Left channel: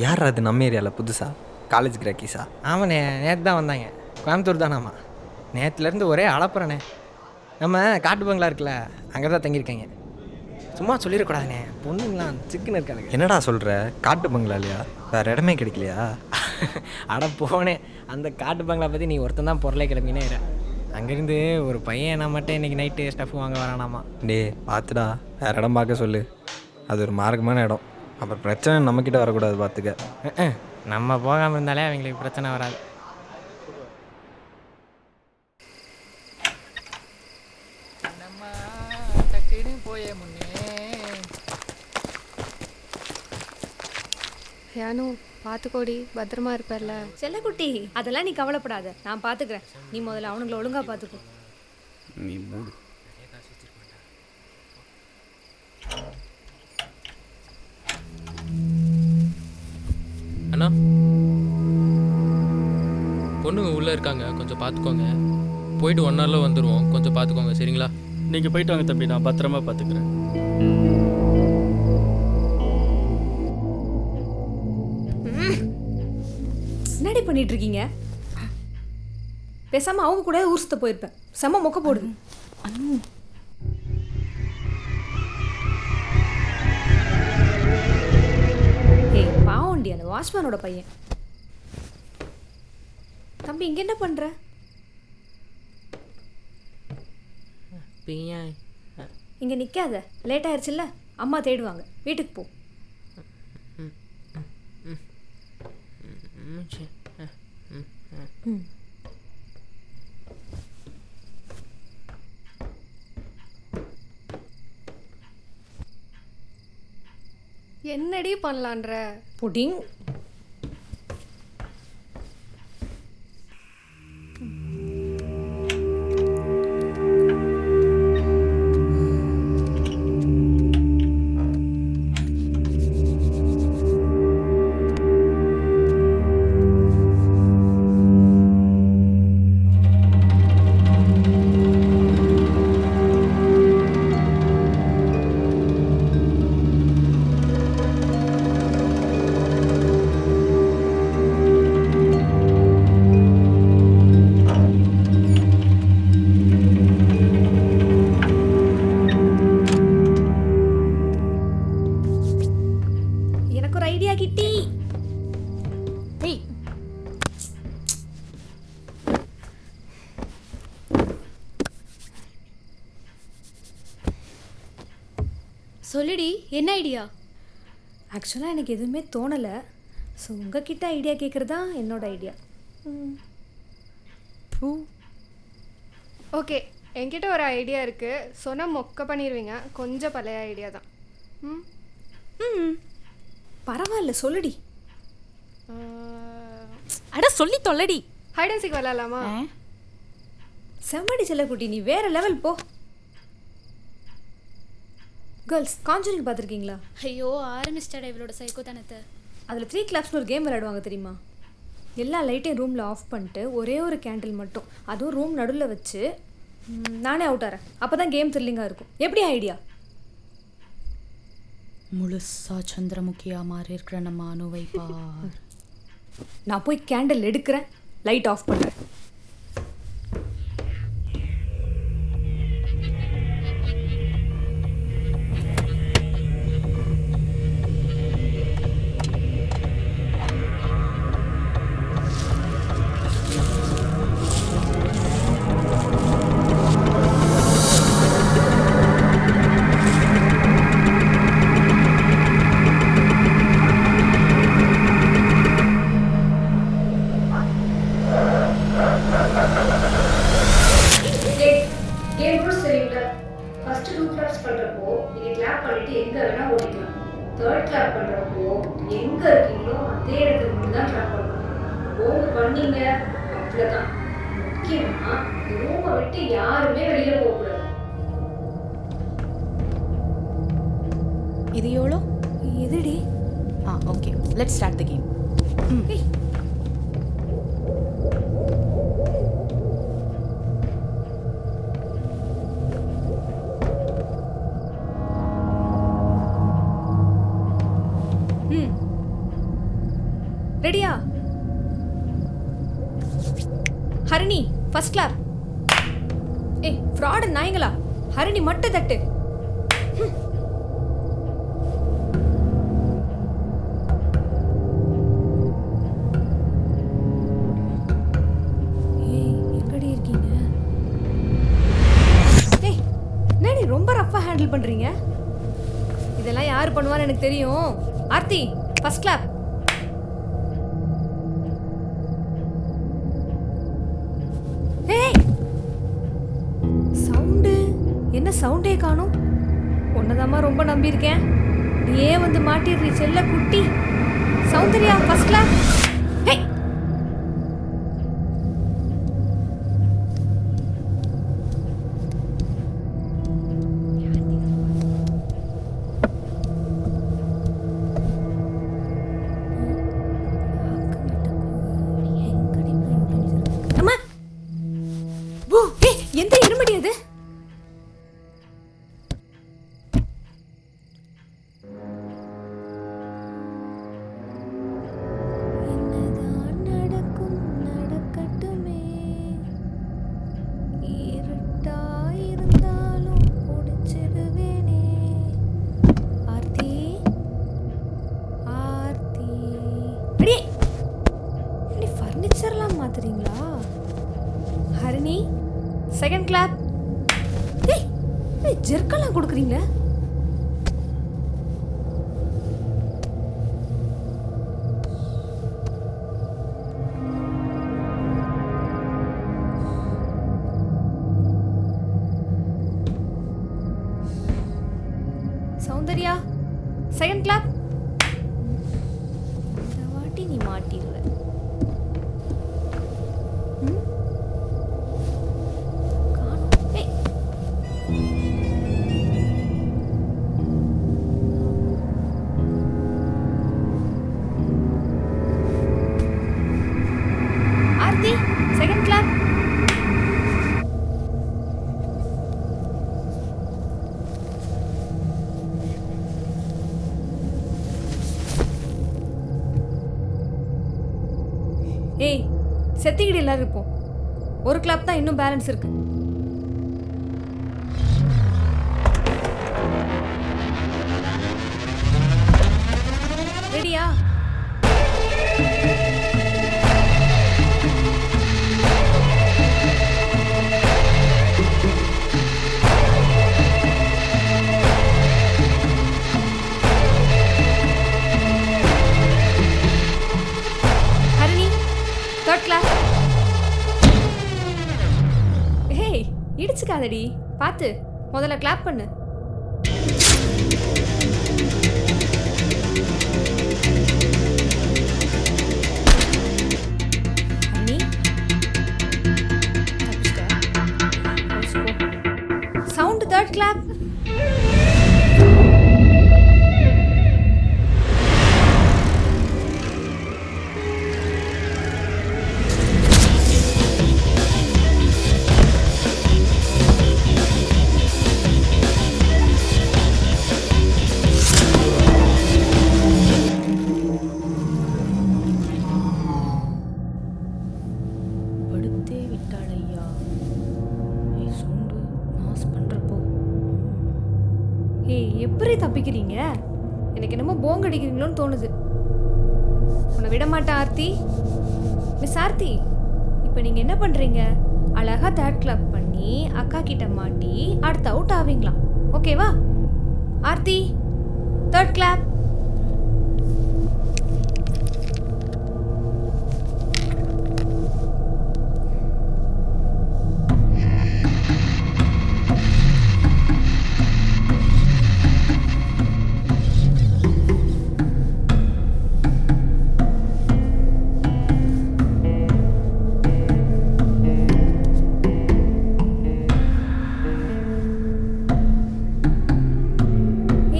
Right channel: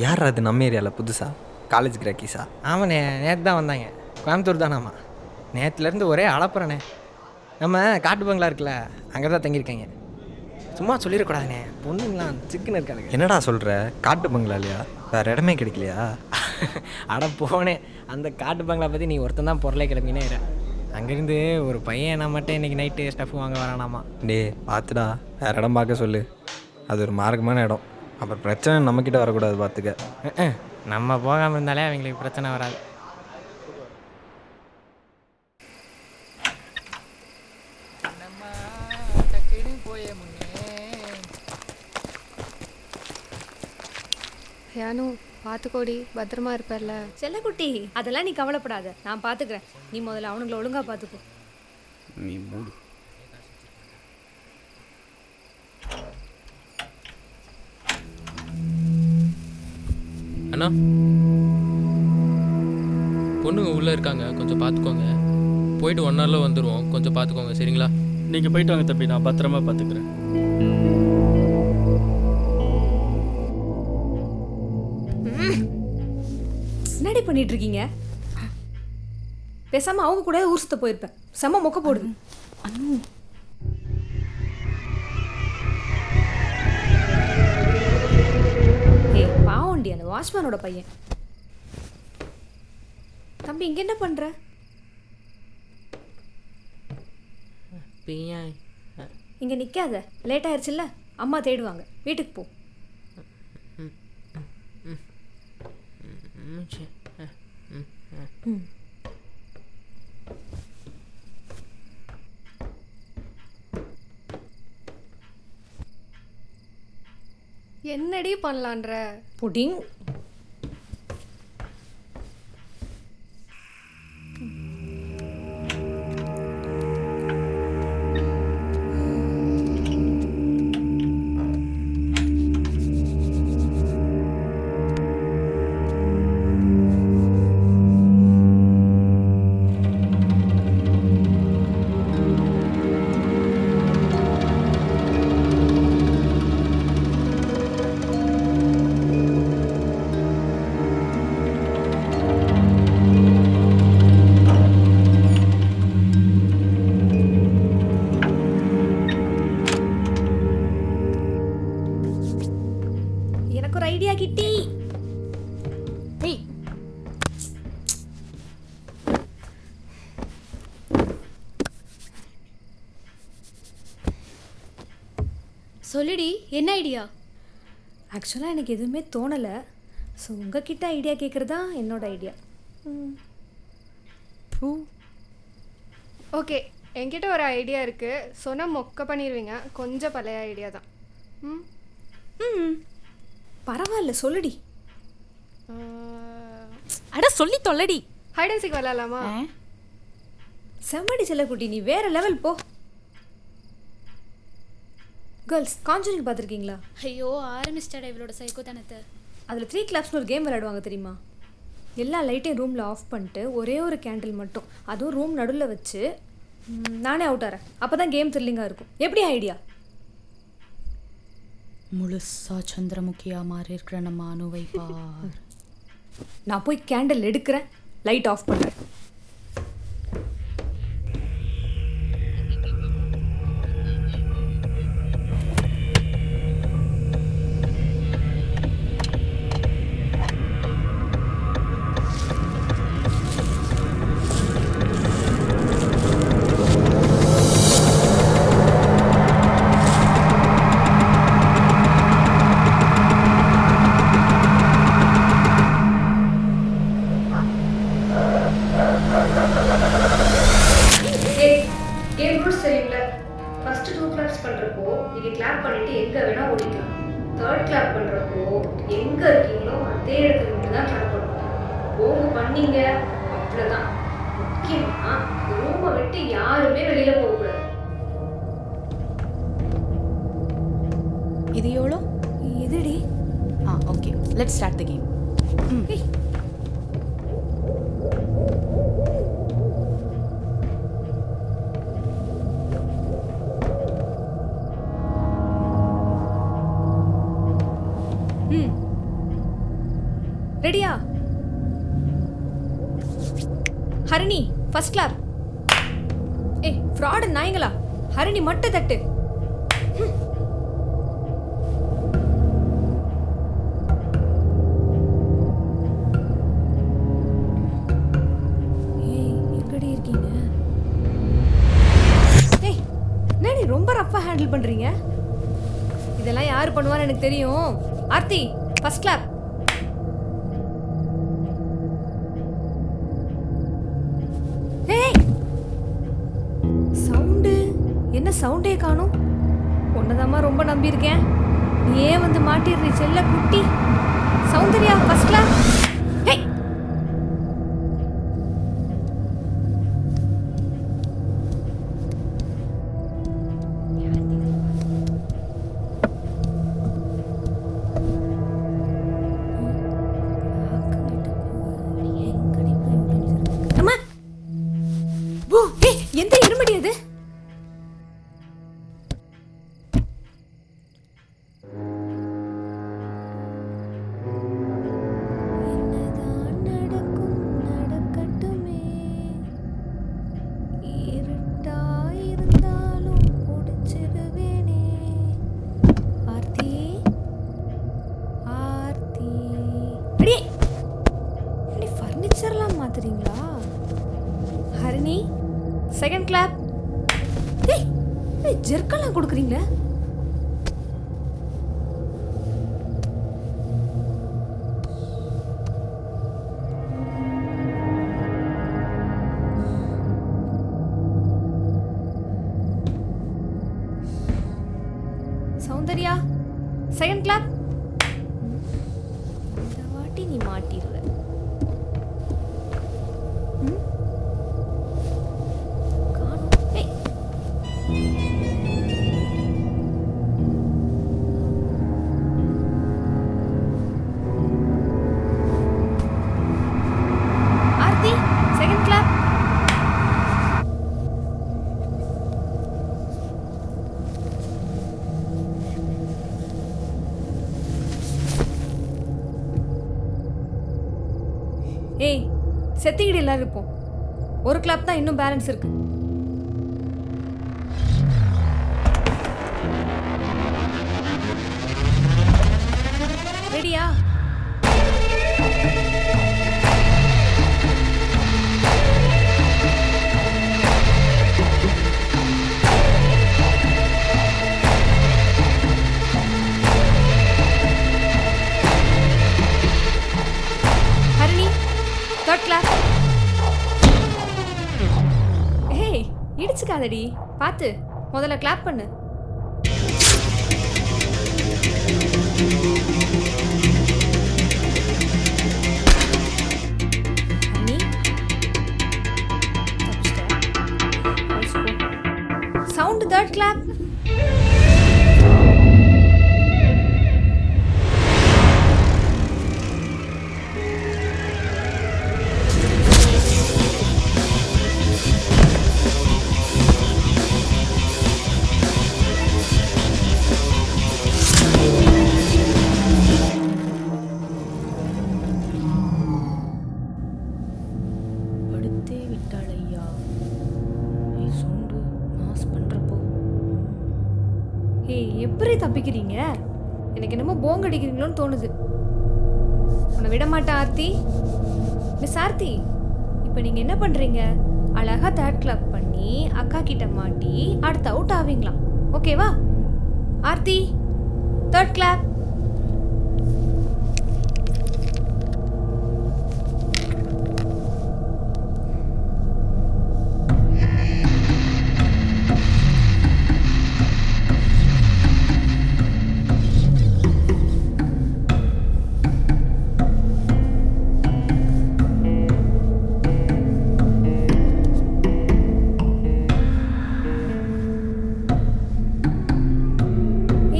யார் அது நம்ம ஏரியாவில் புதுசா காலேஜ் கிராக்கிஸா? ஆமாண்ணே, நேற்று தான் வந்தாங்க. கோயம்புத்தூர் தானாம்மா. நேற்றுலேருந்து ஒரே அளப்புறண்ணே. நம்ம காட்டு பங்களா இருக்குல்ல, அங்கே தான் தங்கியிருக்காங்க. சும்மா சொல்லிடக்கூடாதுண்ணே, பொண்ணுங்களாம் சிக்கன் இருக்கானுங்க. என்னடா சொல்கிற? காட்டு பங்களா இல்லையா? வேறு இடமே கிடைக்கலையா? அட போனே, அந்த காட்டு பங்களா பற்றி நீ ஒருத்தன் தான் பொருளே கிளம்பினே இரு. அங்கேருந்து ஒரு பையன் நான் மட்டும் இன்றைக்கி நைட்டு ஸ்டஃப் வாங்க வரானாமா. டே பார்த்துடா, வேறு இடம் பார்க்க சொல்லு. அது ஒரு மார்க்கமான இடம். அப்புறம் பிரச்சனை நம்மக்கிட்ட வரக்கூடாது, பார்த்துக்க. நம்ம போகாமல் இருந்தாலே அவங்களுக்கு பிரச்சனை வராது. யானு பார்த்துக்கோடி, பத்திரமா இருப்பல்ல. செல்லக்குட்டி, அதெல்லாம் நீ கவலைப்படாத, நான் பார்த்துக்கிறேன். நீ முதல்ல அவனுங்களை ஒழுங்காக பார்த்துக்கோ. நீ மூடு. அண்ணா, பொண்ணுங்க உள்ளே இருக்காங்க, கொஞ்சம் பார்த்துக்கோங்க. போயிட்டு 1 ஹவரில் வந்துடுவோம், கொஞ்சம் பார்த்துக்கோங்க, சரிங்களா? நீங்கள் போயிட்டு வாங்க தம்பி, நான் பத்திரமா பார்த்துக்கிறேன். என்னடி பண்ணிட்டு இருக்கீங்க? பேசாம அவங்க கூட ஊர் சுத்த போயிருப்பேன். செம்ம மொக்க போடுது. ஏய் பாவண்டி, அந்த வாட்ச்மேனோட பையன். தம்பி இங்க என்ன பண்ற? இங்க நிக்காத, லேட் ஆயிருச்சுல்ல, அம்மா தேடுவாங்க. வீட்டுக்கு போ. என்னடி பண்ணலான்ற? புடிங். எனக்கு ஒரு ஐடியா கிட்டி. ஏய் சொல்லுடி, என்ன ஐடியா? ஆக்சுவலாக எனக்கு எதுவுமே தோணலை. ஸோ உங்ககிட்ட ஐடியா கேட்குறது தான் என்னோட ஐடியா. ஓகே, என்கிட்ட ஒரு ஐடியா இருக்குது. சொன்னால் மொக்க பண்ணிடுவீங்க. கொஞ்சம் பழைய ஐடியா தான். ம் பரவாயில்ல, சொல்லுடி. அட சொல்லி தொல்லடி. ஹைட் அண்ட் சீக் விளாட்லாமா? செம்மடி செல்லக்குட்டி, நீ வேற லெவல் போ. கேர்ள்ஸ், கான்ஜூரிங் பார்த்துருக்கீங்களா? ஐயோ, ஆரம்பிச்சிட்டாடா இவளோட சைக்கோத்தனத்தை. அதில் 3 கிளாப்ஸ்னு ஒரு கேம் விளையாடுவாங்க தெரியுமா? எல்லா லைட்டையும் ரூமில் ஆஃப் பண்ணிட்டு ஒரே ஒரு கேண்டில் மட்டும், அதுவும் ரூம் நடுவில் வச்சு நானே அவுட் ஆகிறேன். அப்போ தான் கேம் த்ரில்லிங்காக இருக்கும். எப்படி ஐடியா? முழுசா சந்திரமுகியா மாறி இருக்கிற நம்ம அணுவை பார். நான் போய் கேண்டில் எடுக்கிறேன், லைட் ஆஃப் பண்ணுறேன். கேம் ரூல்ஸ் தெரியும்ல? ஃபர்ஸ்ட் 2 கிளாப்ஸ் பண்ணுறப்போ நீங்கள் கிளாப் பண்ணிவிட்டு எங்கே வேணால் ஓடிக்கலாம். 3rd கிளாப் பண்ணுறப்போ எங்கே இருக்கீங்களோ அதே இடத்துல மட்டும் தான் கிளாப் பண்ணணும். ஓங்க பண்ணீங்க அவ்வளோதான். முக்கியமாக இந்த ரூமை விட்டு யாருமே வெளியில் போகக்கூடாது. இது எவ்வளோ? எதுடி? Okay, let's start the game. ஏய் ரெடியா? Harini first clap. ஏய் ஃப்ராட் நாயங்களா, ஹரிணி மட்டை தட்டு. ஏய் எங்கடி இருக்கீங்க? ஏய் என்னடி ரொம்ப ரஃப்பா ஹேண்டில் பண்றீங்க? இதெல்லாம் யார் பண்ணுவான்னு எனக்கு தெரியும். Aarthi first clap. ஏய் சவுண்டு என்ன சவுண்டே காணும்? உன்னதாம்மா ரொம்ப நம்பியிருக்கேன். நீ ஏன் வந்து மாட்டிடுறீ செல்ல குட்டி? Soundarya first clap. ஏய் அம்மா ஓ ஏய் எந்த இருமடி அது? என்னதான் நடக்கும் நடக்கட்டுமே, இருட்டா இருந்தாலும் பிடிச்சிருவேனே. ஆர்த்தி ஆர்த்தி அடி அடி ஃபர்னிச்சர்லாம் மாத்துறீங்களா? Harini second clap. ஏய் ஏய் ஜெர்க்கெல்லாம் கொடுக்குறீங்க. Soundarya second clap. இந்த வாட்டி நீ மாட்டிடுவ. காணோம். ஏய் ஆர்த்தி செகண்ட் கிளாப். ஏய் செத்திக்கிட்டு எல்லாரும் இருப்போம். ஒரு கிளாப் தான் இன்னும் பேலன்ஸ் இருக்கு. ரெடியா? Harini third clap. ஏய் இடிச்சுக்காதடி, பார்த்து முதல்ல கிளாப் பண்ணு. ஹரிணி தப்பிச்சிட்ட. Sound third clap. படுத்தே விட்டாள் ஐயா. ஏய் சவுண்டு மாஸ் பண்ணுறப்போ ஏய் எப்படி தப்பிக்கிறீங்க? எனக்கு என்னமோ போங்க அடிக்கிறீங்களோன்னு தோணுது. உன்னை விட மாட்டேன் ஆர்த்தி. மிஸ் ஆர்த்தி இப்போ நீங்கள் என்ன பண்ணுறீங்க? அழகாக தேர்ட் கிளாப் பண்ணி அக்கா கிட்ட மாட்டி அடுத்த அவுட் ஆவீங்களா? ஓகேவா? Aarthi third clap.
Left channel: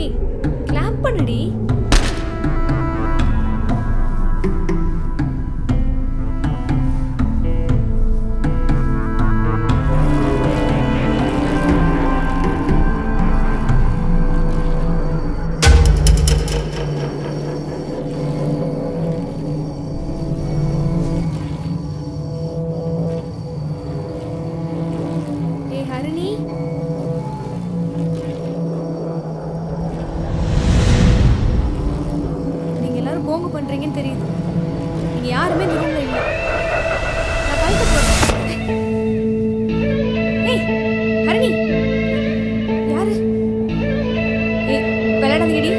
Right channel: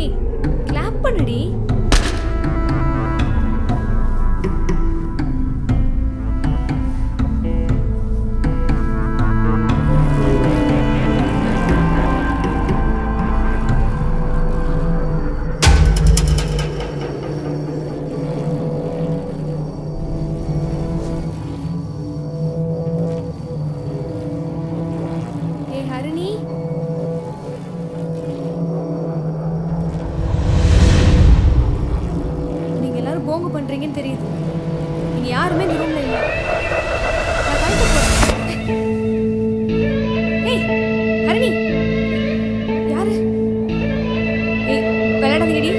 ஏய் கிளாப் பண்ணுடி. போங்க பண்ணுறீங்கன்னு தெரியுது. இனி யாருமே இந்த ரூமில் இல்லை. நான் கழிக்க போகிறேன். ஏய் ஹரணி, யாரு? ஏய் விளையாடாதீங்கடி.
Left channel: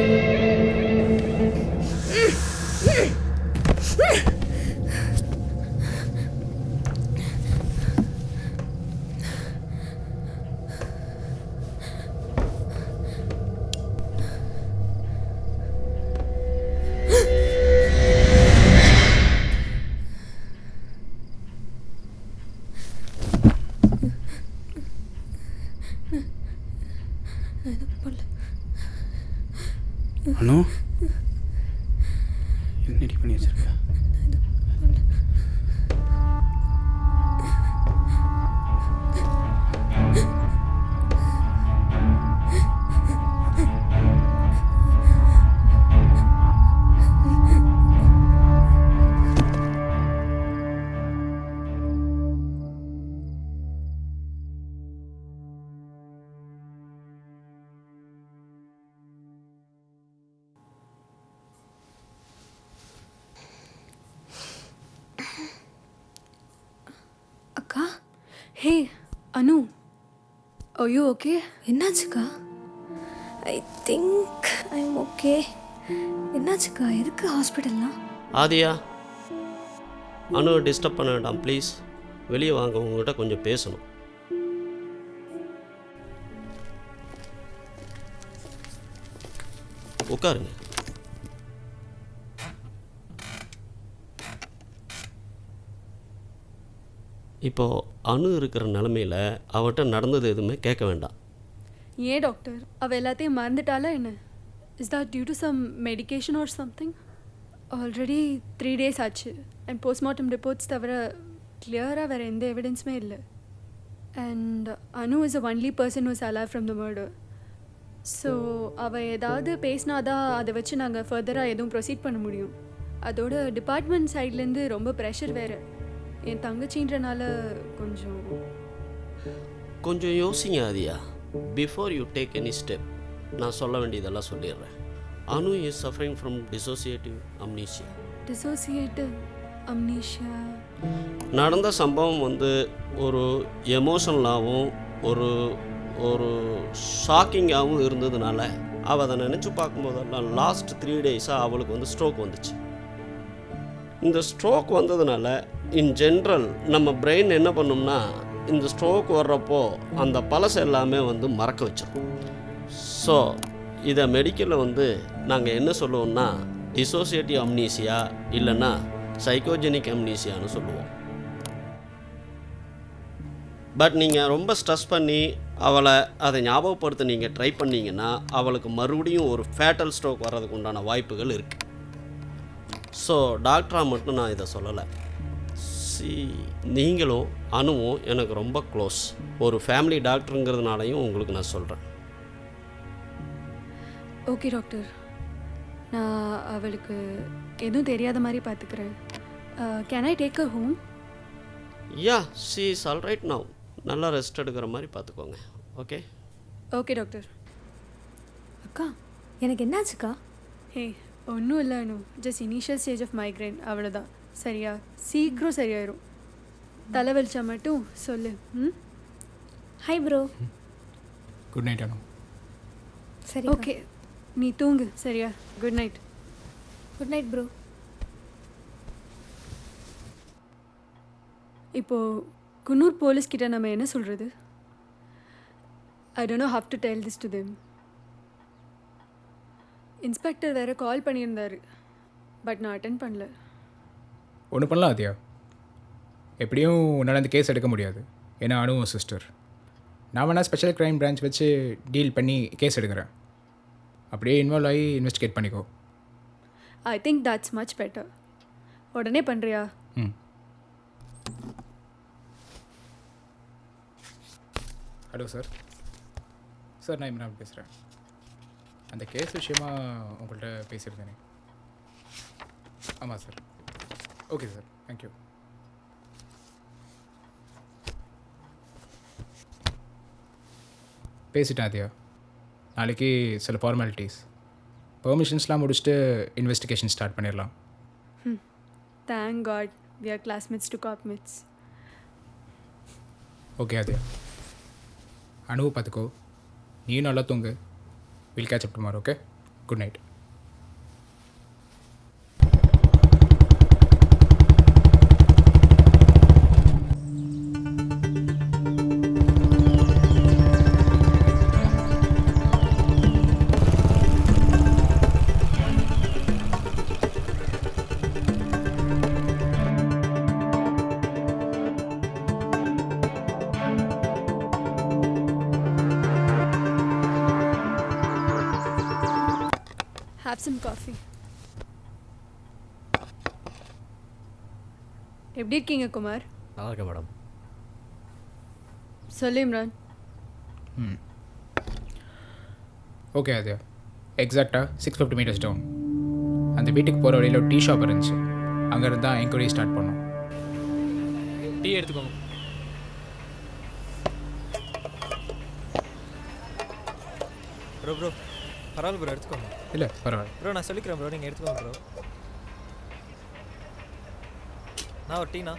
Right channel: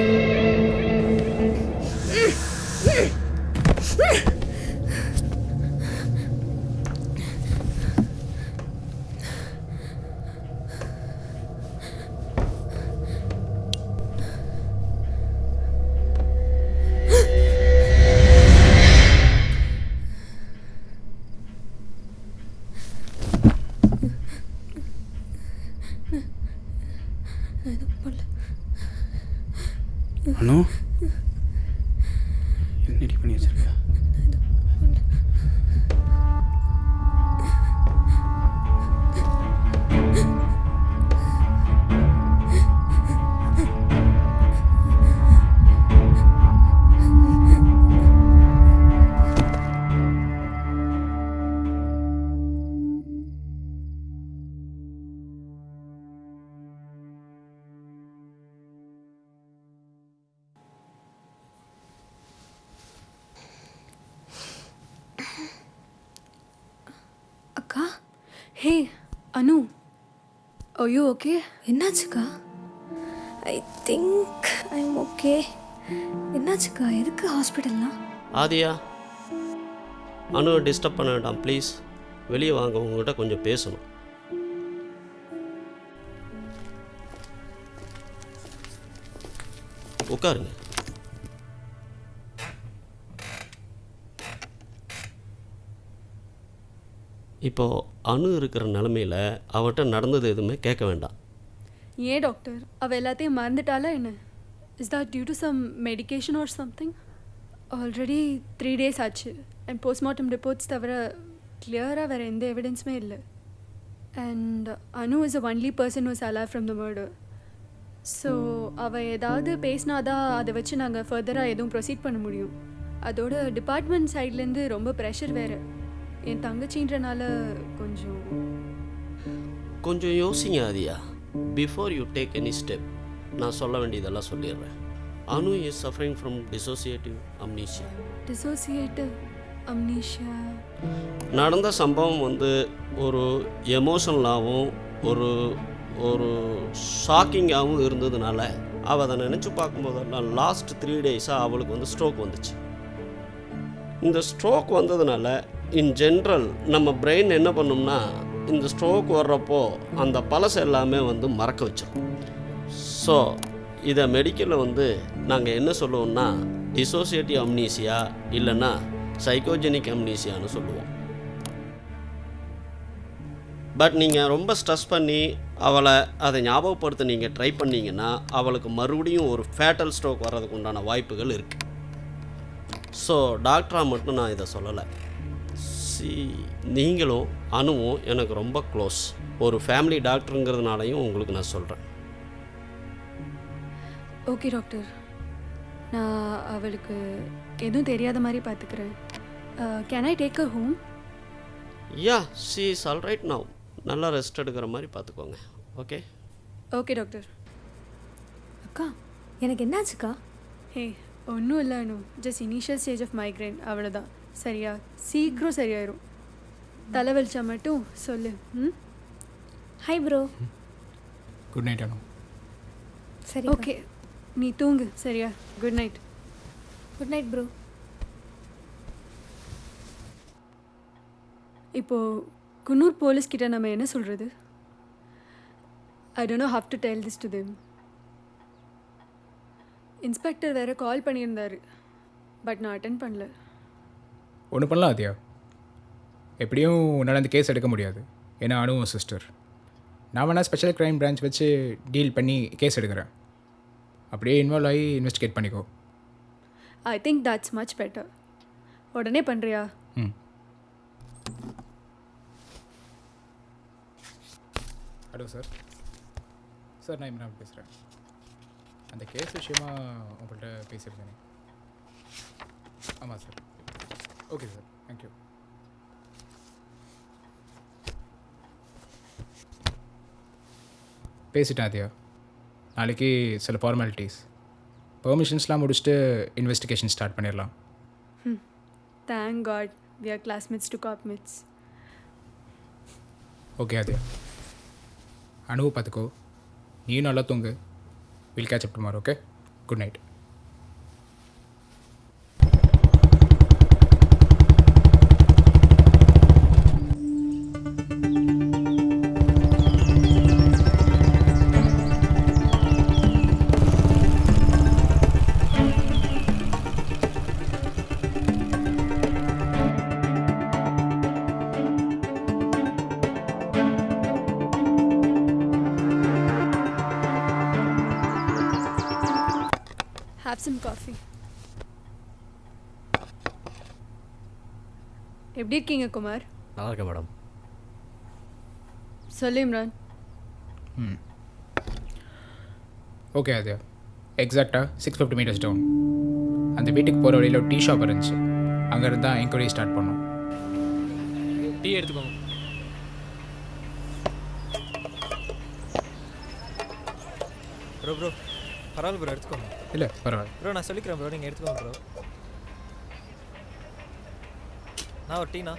அனு என்னடி பண்ணி வச்சிருக்க? அக்கா. Hey Anu, are you okay? என்னாச்சுக்கா? I think I am okay. என்னாச்சுக்கா? எதுக்கு ஹாஸ்பிட்டல்லாம்? ஆதியா, அனுவை டிஸ்டர்ப் பண்ண வேண்டாம் ப்ளீஸ். வெளியே வாங்க, உங்ககிட்ட கொஞ்சம் பேசணும். உட்காருங்க. இப்போது அணு இருக்கிற நிலமையில் அவட்ட நடந்தது எதுவுமே கேட்க வேண்டாம். ஏன் டாக்டர், அவள் எல்லாத்தையும் மறந்துட்டாளா என்ன? Is that due to some medication or something? Already 3 days ஆச்சு அண்ட் போஸ்ட்மார்ட்டம் ரிப்போர்ட்ஸ் தவிர கிளியராக வேறு எந்த எவிடன்ஸுமே இல்லை. And Anu is a only person who's alive from the murder. So அவள் ஏதாவது பேசினாதான் அதை வச்சு நாங்கள் ஃபர்தராக எதுவும் ப்ரொசீட் பண்ண முடியும். அதோட டிபார்ட்மெண்ட் சைட்லேருந்து ரொம்ப ப்ரெஷர் வேறு. என் தங்கச்சின்றனால கொஞ்சம் யோசிங்க Aadhiya. Before you take any step நான் சொல்ல வேண்டியதெல்லாம் சொல்லிடுறேன். Anu is suffering from dissociative amnesia. Dissociative amnesia? நடந்த சம்பவம் ஒரு எமோஷனலாகவும் ஒரு ஷாக்கிங்காகவும் இருந்ததுனால அவள் அதை நினச்சி பார்க்கும்போதெல்லாம் லாஸ்ட் 3 days-ஆக அவளுக்கு ஸ்ட்ரோக் வந்துச்சு. இந்த ஸ்ட்ரோக் வந்ததுனால இன் ஜென்ரல் நம்ம பிரெயின் என்ன பண்ணும்னா, இந்த ஸ்ட்ரோக் வர்றப்போ அந்த பழசு எல்லாமே மறக்க வச்சிடும். ஸோ இதை மெடிக்கலில் நாங்கள் என்ன சொல்லுவோம்னா டிசோசியேட்டிவ் அம்னீசியா இல்லைன்னா சைக்கோஜெனிக் அம்னீசியான்னு சொல்லுவோம். பட் நீங்கள் ரொம்ப ஸ்ட்ரெஸ் பண்ணி அவளை அதை ஞாபகப்படுத்த நீங்கள் ட்ரை பண்ணிங்கன்னா அவளுக்கு மறுபடியும் ஒரு ஃபேட்டல் ஸ்ட்ரோக் வர்றதுக்கு உண்டான வாய்ப்புகள் இருக்குது. ஸோ டாக்டராக மட்டும் நான் இதை சொல்லலை. நீங்களும் அனுவும் எனக்கு ரொம்ப க்ளோஸ். ஒரு ஃபேமிலி டாக்டருங்கிறதுனாலையும் உங்களுக்கு நான் சொல்கிறேன். ஓகே டாக்டர், நான் அவளுக்கு எதுவும் தெரியாத மாதிரி பார்த்துக்கிறேன். Can I take a home? Yeah, she is all right now. நல்லா ரெஸ்ட் எடுக்கிற மாதிரி பார்த்துக்கோங்க. Okay okay doctor. அக்கா எனக்கு என்னாச்சுக்கா? ஹே ஒன்றும் இல்லை Anu, just initial stage of migraine, அவ்வளோதான். சரியா? சீக்கிரம் சரியாயிரும். தலைவலிச்சா மட்டும் சொல்லு. Hi bro. Good night Anu. சரி ஓகே, நீ தூங்கு. சரியா? Good night. Good night bro. இப்போது குன்னூர் போலீஸ்கிட்ட நம்ம என்ன சொல்கிறது? I don't know how to tell this to them. Inspector வேறு கால் பண்ணியிருந்தார், பட் நான் அட்டென்ட் பண்ணல. ஒன்று பண்ணலாம் ஆதியா, எப்படியும் உன்னால் அந்த கேஸ் எடுக்க முடியாது, ஏன்னா அனுவும் சிஸ்டர். நான் வேணால் ஸ்பெஷல் க்ரைம் பிரான்ச் வச்சு டீல் பண்ணி கேஸ் எடுக்கிறேன். அப்படியே இன்வால்வ் ஆகி இன்வெஸ்டிகேட் பண்ணிக்கோ. I think that's much better. உடனே பண்ணுறியா? Hello sir. சார் நான் இம்ரான் பேசுகிறேன். அந்த கேஸ் விஷயமா உங்கள்கிட்ட பேசியிருந்தேனே. ஆமாம் சார். Okay sir, thank you. பேசிட்டேன் ஆதியா. நாளைக்கு சில ஃபார்மாலிட்டிஸ், பெர்மிஷன்ஸ்லாம் முடிச்சுட்டு இன்வெஸ்டிகேஷன் ஸ்டார்ட் பண்ணிடலாம். Thank God we are classmates to copmates. Okay அது அனுவை பார்த்துக்கோ, நீயும் நல்லா தூங்கு. Will catch up tomorrow. Okay, good night. Have some coffee. எப்படி இருக்கீங்க குமார்? நல்லா இருக்கேன் மேடம். சொல்லு இம்ரான். ஓகே அது எக்ஸாக்டாக 650 மீட்டர்ஸ் டவுன் அந்த வீட்டுக்கு போகிற வழியில் ஒரு டீ ஷாப் இருந்துச்சு. அங்கேருந்து தான் என்கொயரி ஸ்டார்ட் பண்ணோம். டீ எடுத்துக்கோங்க. ப்ரோ ப்ரோ பரவாயில்ல ப்ரோ, எடுத்துக்கோங்க. இல்லை பரவாயில்ல ப்ரோ, நான் சொல்லிக்கிறேன் ப்ரோ, நீங்கள் எடுத்துக்கோங்க ப்ரோ. நான் ஒரு டீனா.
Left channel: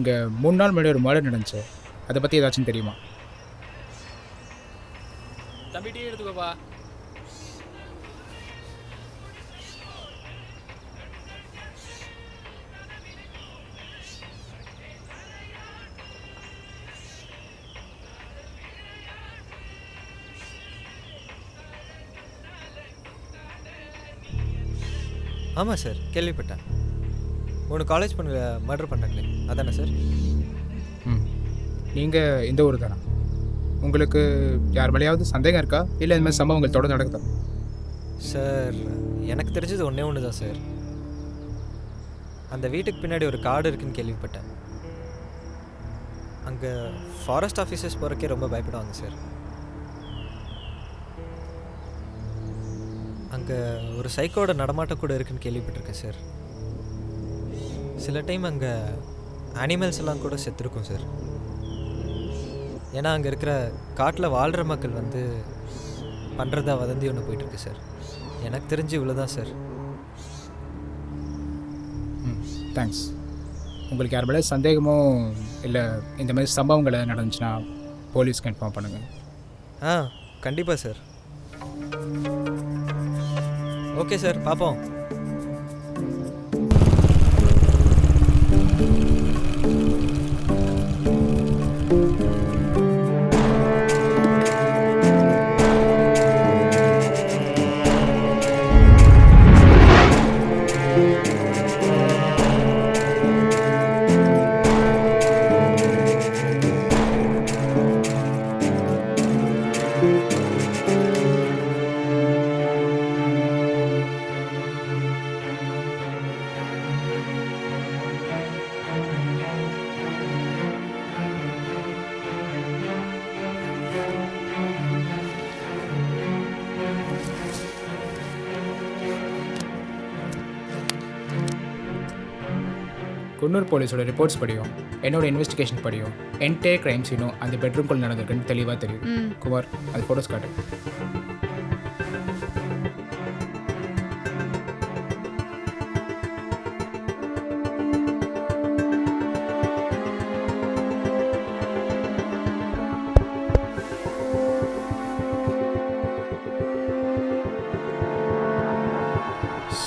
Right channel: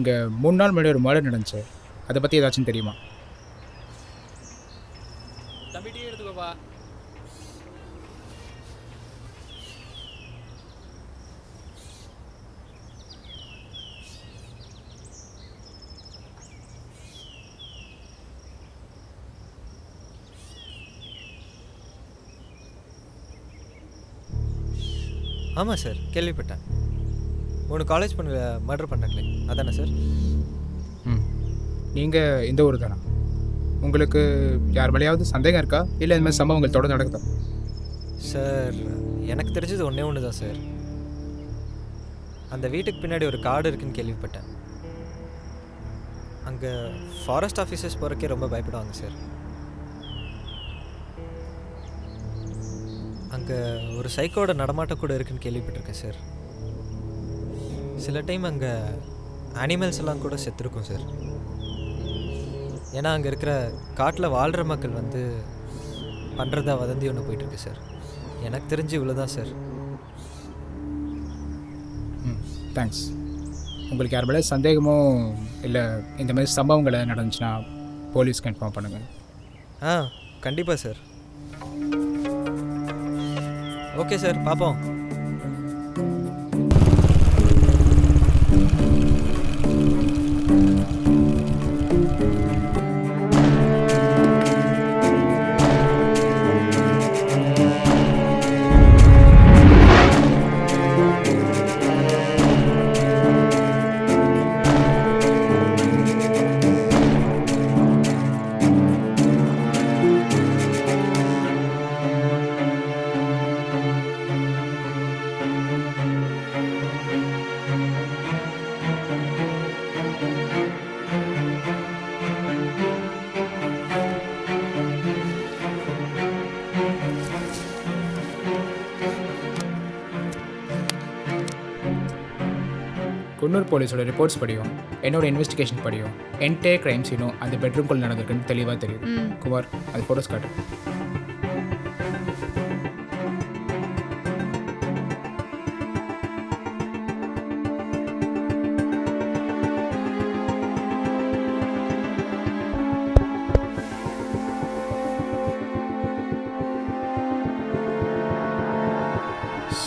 இங்கே 3 நாள் முன்னாடி ஒரு மர்டர் நடந்துச்சு. அதை பற்றி ஏதாச்சும் தெரியுமா? தம்பி டீ எடுத்துக்கோப்பா. ஆமாம் சார், கேள்விப்பட்டேன். 3 காலேஜ் பொண்ணுங்க மர்டர் பண்ணாங்களே, அதானே சார்? நீங்கள் இந்த ஊர் தானா? உங்களுக்கு யார் மேலேயாவது சந்தேகம் இருக்கா, இல்லை இந்த மாதிரி சம்பவங்கள் தொடர்ந்து நடக்குதா? சார், எனக்கு தெரிஞ்சது ஒன்று தான் சார். அந்த வீட்டுக்கு பின்னாடி ஒரு காடு இருக்குன்னு கேள்விப்பட்டேன். அங்கே ஃபாரஸ்ட் ஆஃபீஸர்ஸ் போகிறக்கே ரொம்ப பயப்படுவாங்க சார். அங்கே ஒரு சைக்கோட நடமாட்டம் கூட இருக்குன்னு கேள்விப்பட்டிருக்கேன் சார். சில டைம் அங்கே அனிமல்ஸ் எல்லாம் கூட செத்துருக்கும் சார். ஏன்னா அங்கே இருக்கிற காட்டில் வாழ்கிற மக்கள் வந்து பண்ணுறதா வதந்தி ஒன்று போயிட்டுருக்கு சார். எனக்கு தெரிஞ்சு இவ்வளோ தான் சார். தேங்க்ஸ். உங்களுக்கு யார் மேலே சந்தேகமோ இல்லை இந்த மாதிரி சம்பவங்களை நடந்துச்சுன்னா போலீஸ்க்கு இன்ஃபார்ம் பண்ணுங்கள். கண்டிப்பாக சார். ஓகே சார், பார்ப்போம். குன்னூர் போலீஸோட ரிப்போர்ட்ஸ் படியும், என்னோட இன்வெஸ்டிகேஷன் படியும், என்டையர் கிரைம் சீனும் அந்த பெட்ரூம்குள்ளே நடந்திருக்குன்னு தெளிவாக தெரியுது. குமார், அது ஃபோட்டோஸ் காட்டு.